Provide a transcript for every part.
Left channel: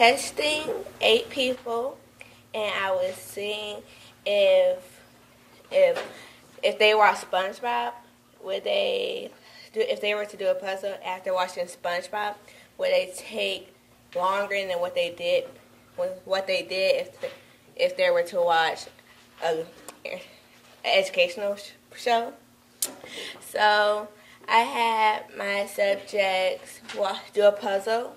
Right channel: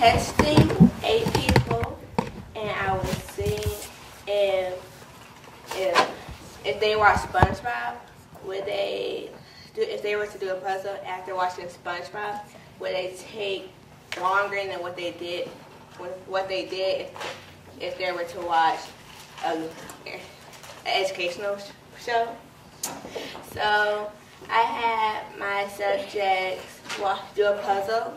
testing 8 people, and I was seeing if they watch SpongeBob, would they do, if they were to do a puzzle after watching SpongeBob, would they take longer than what they did if they were to watch an educational show? So I had my subjects do a puzzle.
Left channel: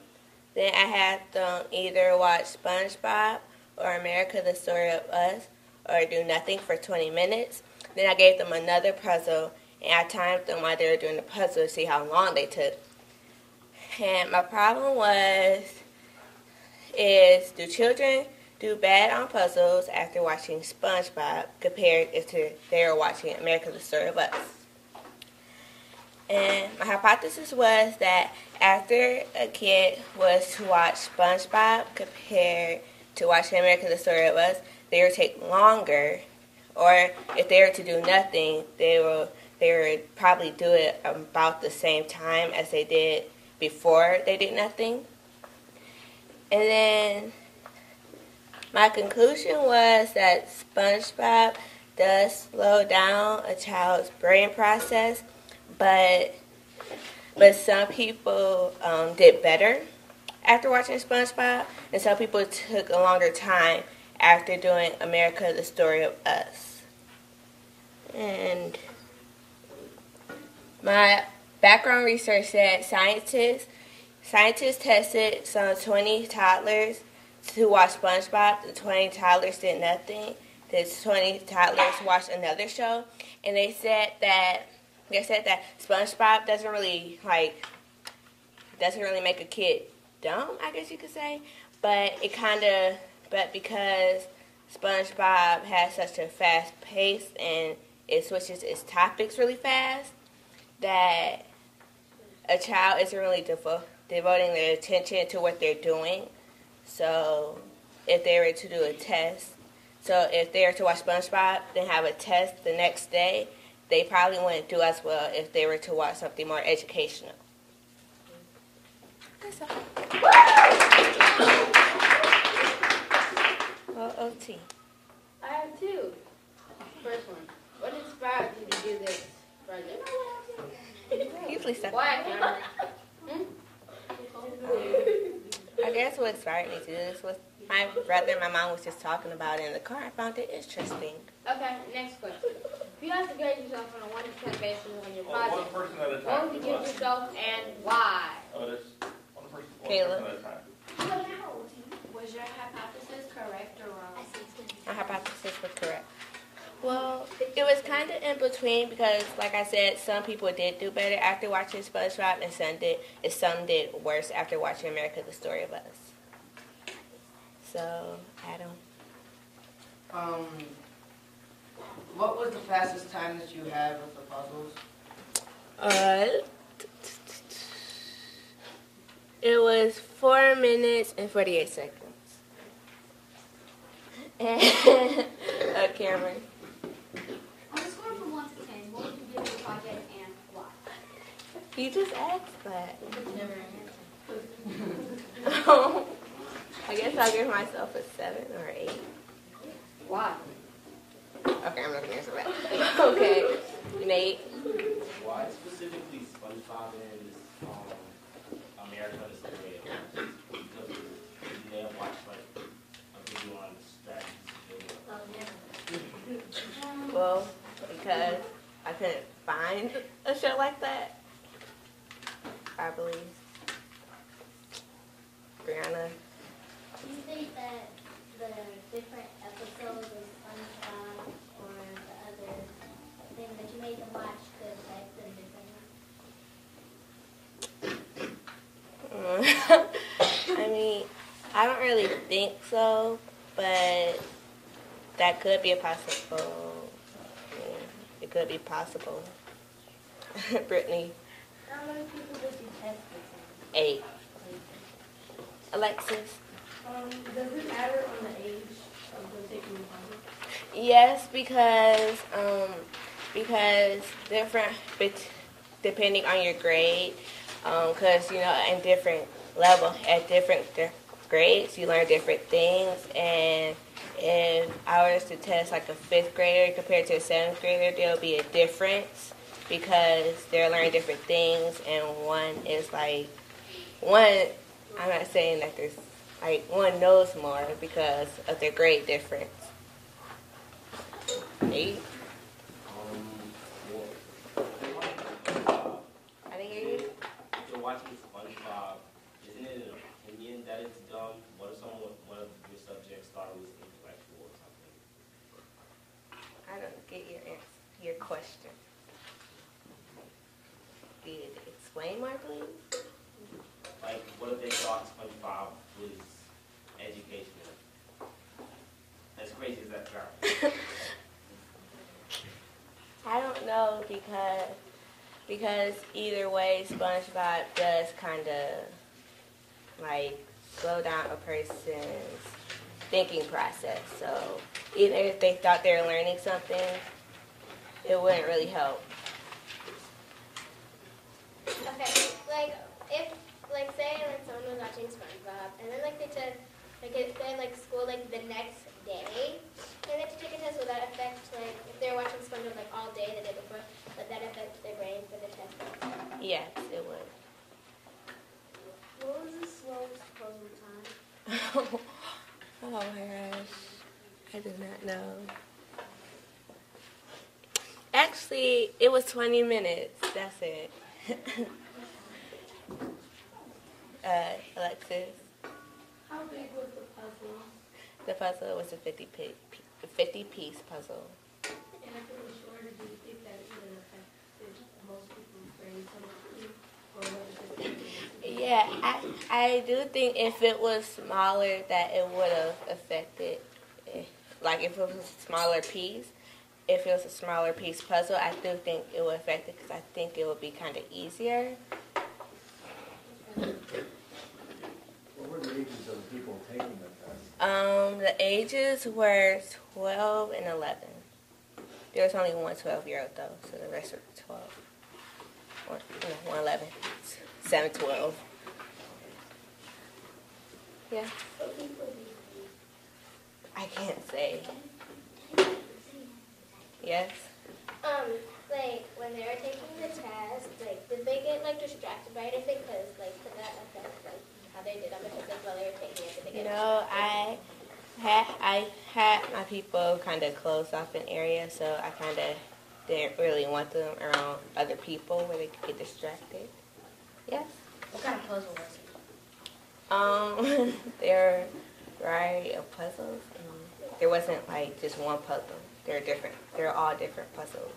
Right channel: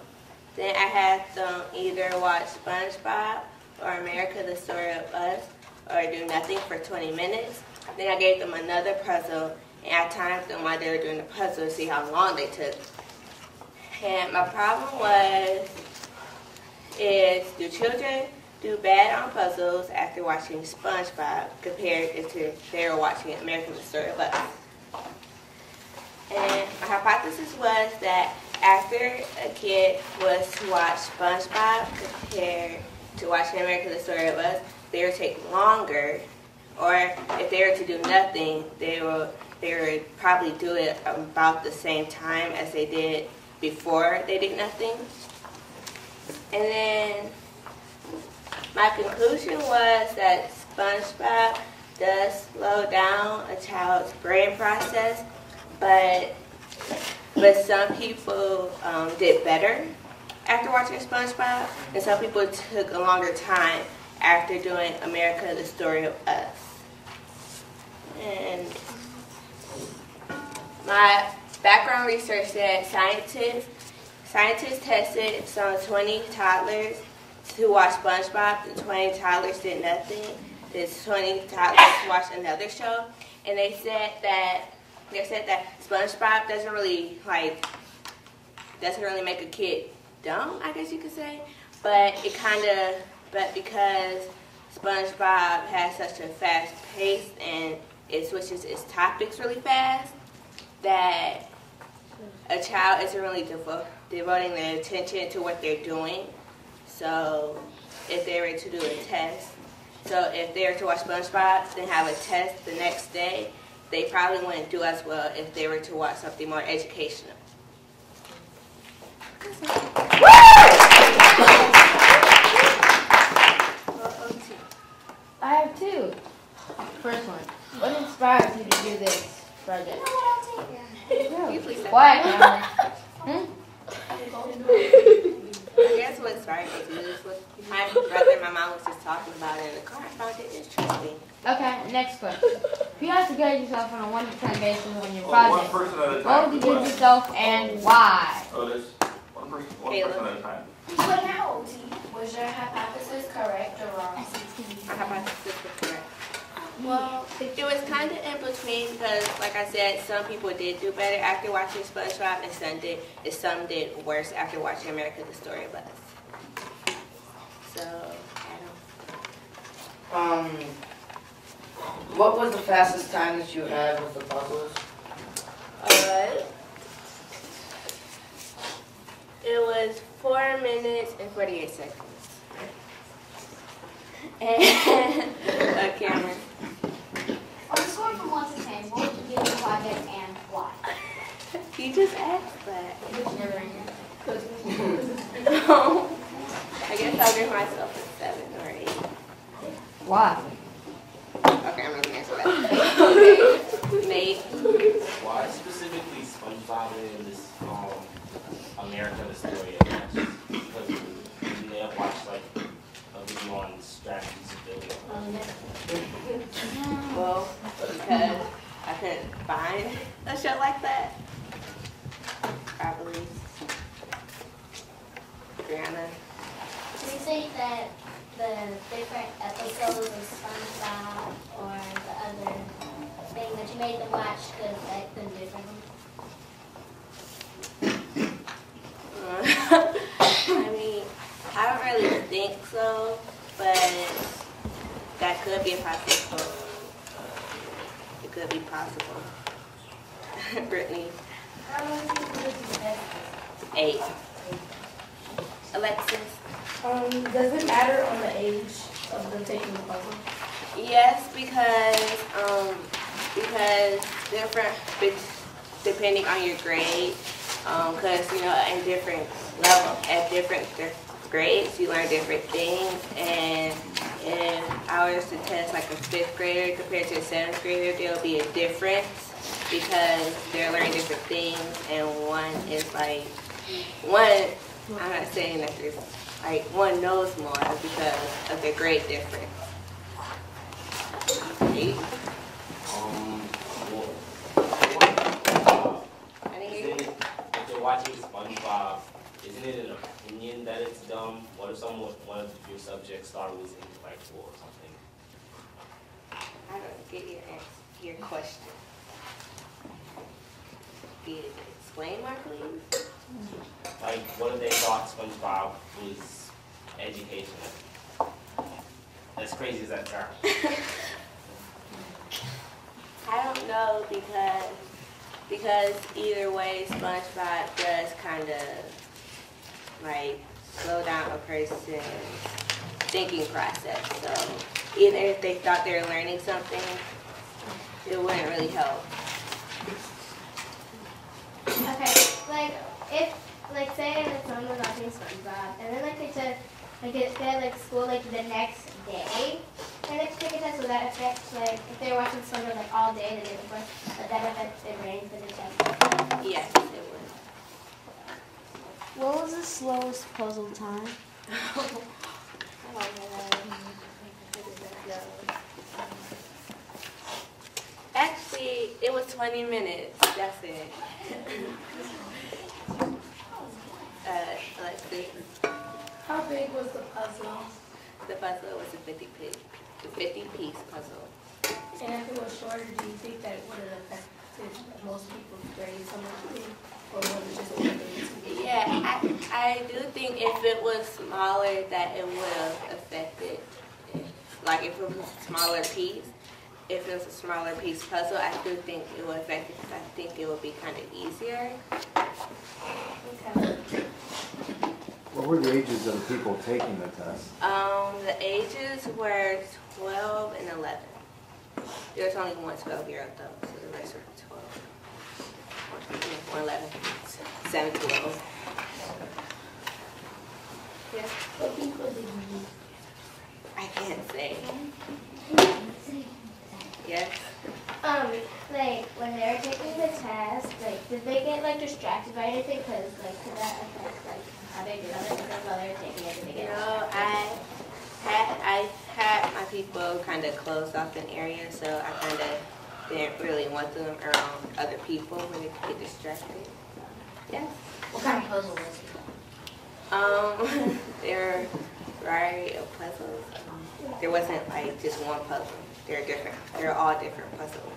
Then I had them either watch SpongeBob or America, the Story of Us, or do nothing for 20 minutes. Then I gave them another puzzle, and I timed them while they were doing the puzzle to see how long they took. And my problem is do children do bad on puzzles after watching SpongeBob compared if they were watching America, the Story of Us? And my hypothesis was that after a kid was to watch SpongeBob compared to watching America, the Story of Us, they would take longer. Or if they were to do nothing, they would probably do it about the same time as they did before they did nothing. And then my conclusion was that SpongeBob does slow down a child's brain process, but some people did better after watching SpongeBob, and some people took a longer time after doing America, the Story of Us. And my background research said scientists tested some 20 toddlers to watch SpongeBob. The 20 toddlers did nothing. The 20 toddlers watched another show, and they said that SpongeBob doesn't really make a kid dumb, I guess you could say, but because SpongeBob has such a fast pace and it switches its topics really fast, that a child isn't really devoting their attention to what they're doing. So if they were to do a test, so if they were to watch SpongeBob, then have a test the next day, they probably wouldn't do as well if they were to watch something more educational. Well, OT. I have 2. First one. What inspired you to do this project? Usually stuff. Quiet, Cameron. I guess what inspired me to do this was my brother and my mom was just talking about it in the car. I found it interesting. Okay, next question. If you had to grade yourself on a 1 to 10 basis on your project, what would you give yourself and why? Oh, there's one person at a time. But now, OT, was your hypothesis correct or wrong? My hypothesis was correct. Well, it was kind of in between because, like I said, some people did do better after watching SpongeBob, and some did worse after watching America, the Story of Us. So, I don't. What was the fastest time that you had with the puzzles? It was 4 minutes and 48 seconds. And Cameron. On a score from 1 to 10, what would you give the project and why? You just asked that. No. I guess I'll give myself a 7 or 8. Why? Okay, I'm not gonna answer that. Okay. Nate. Why specifically SpongeBob in this America, the Story of Us? Because you may have watched like a video on strategies of doing it. Well, because I couldn't find a show like that. Probably. Brianna. Do you think that the different episodes of SpongeBob or the other thing that you made them watch could affect them differently? I mean, I don't really think so, but that could be a possible. It could be possible. Brittany. How long do you think you have? 8. Alexis. Does it matter on the age of them taking the puzzle? Yes, because different, depending on your grade, because in different level at different grades, you learn different things, and if I was to test like a 5th grader compared to a 7th grader, there'll be a difference because they're learning different things, and one is like, I'm not saying that there's, like, one knows more because of their grade difference. Eight. If you're watching SpongeBob, isn't it an opinion that it's dumb? What if one of your subject star was intellectual or something? I don't get your question. Explain more, please. Like, what if they thought SpongeBob was educational? As crazy as that sounds. I don't know because either way, SpongeBob does kind of like slow down a person's thinking process. So even if they thought they were learning something, it wouldn't really help. Okay, like if say that someone was watching SpongeBob and then they took if they had school the next day and they have to take a test, would that affect if they're watching SpongeBob all day the day before, would that affect their brain for the test? Yes, it would. What was the slowest puzzle time? Oh my God. I did not know. Actually, it was 20 minutes. That's it. Alexis. How big was the puzzle? The puzzle was a 50-piece puzzle. And if it was shorter, do you think that it would have affected most people's grades somehow? Or would it just be Yeah, I do think if it was smaller that it would have affected it. Like if it was a smaller piece. If it was a smaller piece puzzle, I do think it would affect it because I think it would be kind of easier. Okay. What were the ages of the people taking the test? The ages were 12 and 11. There was only one 12-year-old though, so the rest were 12. Or 11. 7 to 12. Yeah. What people did you use? I can't say. Yes. When they're taking the test, did they get distracted by anything? Because could that affect how they did on it? Because while they're taking it, did they get? No, I had my people kind of closed off an area, so I kind of didn't really want them around other people where they could get distracted. Yes. What kind of puzzle was it? There are a variety of puzzles. There wasn't just one puzzle. They're different. They're all different puzzles.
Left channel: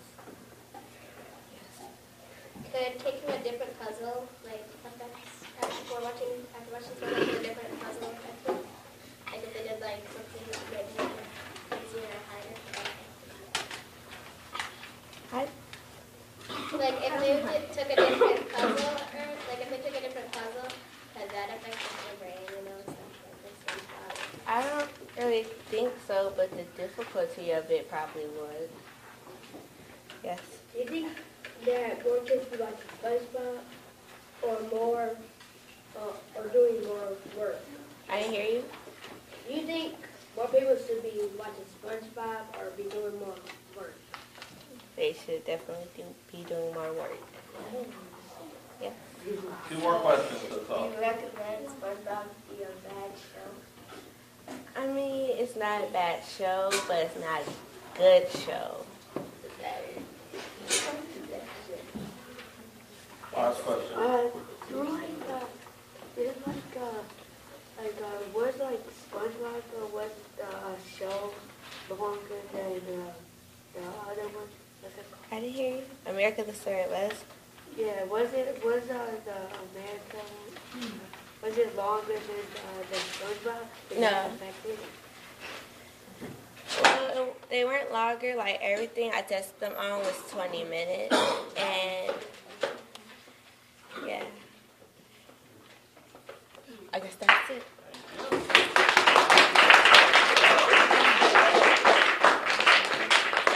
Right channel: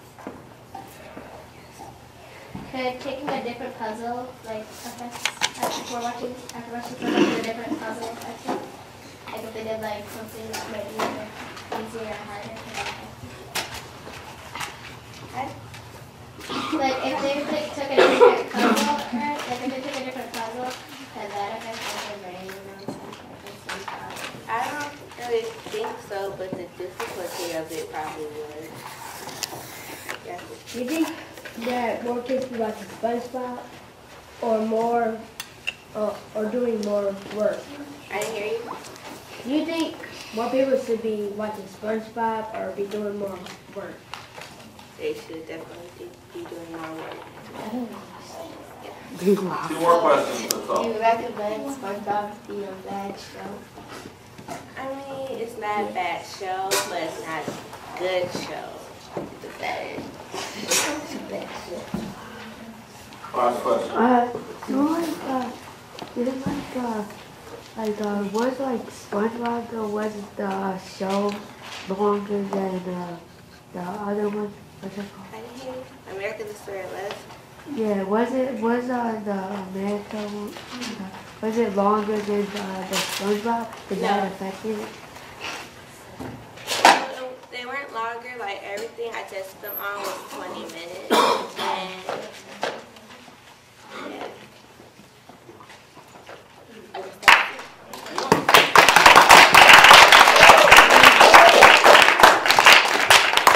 Could taking a different puzzle affect after watching a different puzzle affect it? If they did something that might be easier or harder? If they took a different puzzle, could that affect their brain? I don't really think so, but the difficulty of it probably would. Yeah. Do you think that more kids be watching SpongeBob or doing more work? I didn't hear you. Do you think more people should be watching SpongeBob or be doing more work? They should definitely be doing more work. I don't know. Yeah. 2 more questions, that's all. Do you recommend SpongeBob be a bad show? I mean, it's not a bad show, but it's not a good show. It's a bad show. Last question. Was SpongeBob was the show longer than the other one? What's it called? I didn't hear you. America the Story was. Yeah, was the America one, was it longer than the SpongeBob? Did that affect it? They weren't longer. Everything I tested them on was 20 minutes.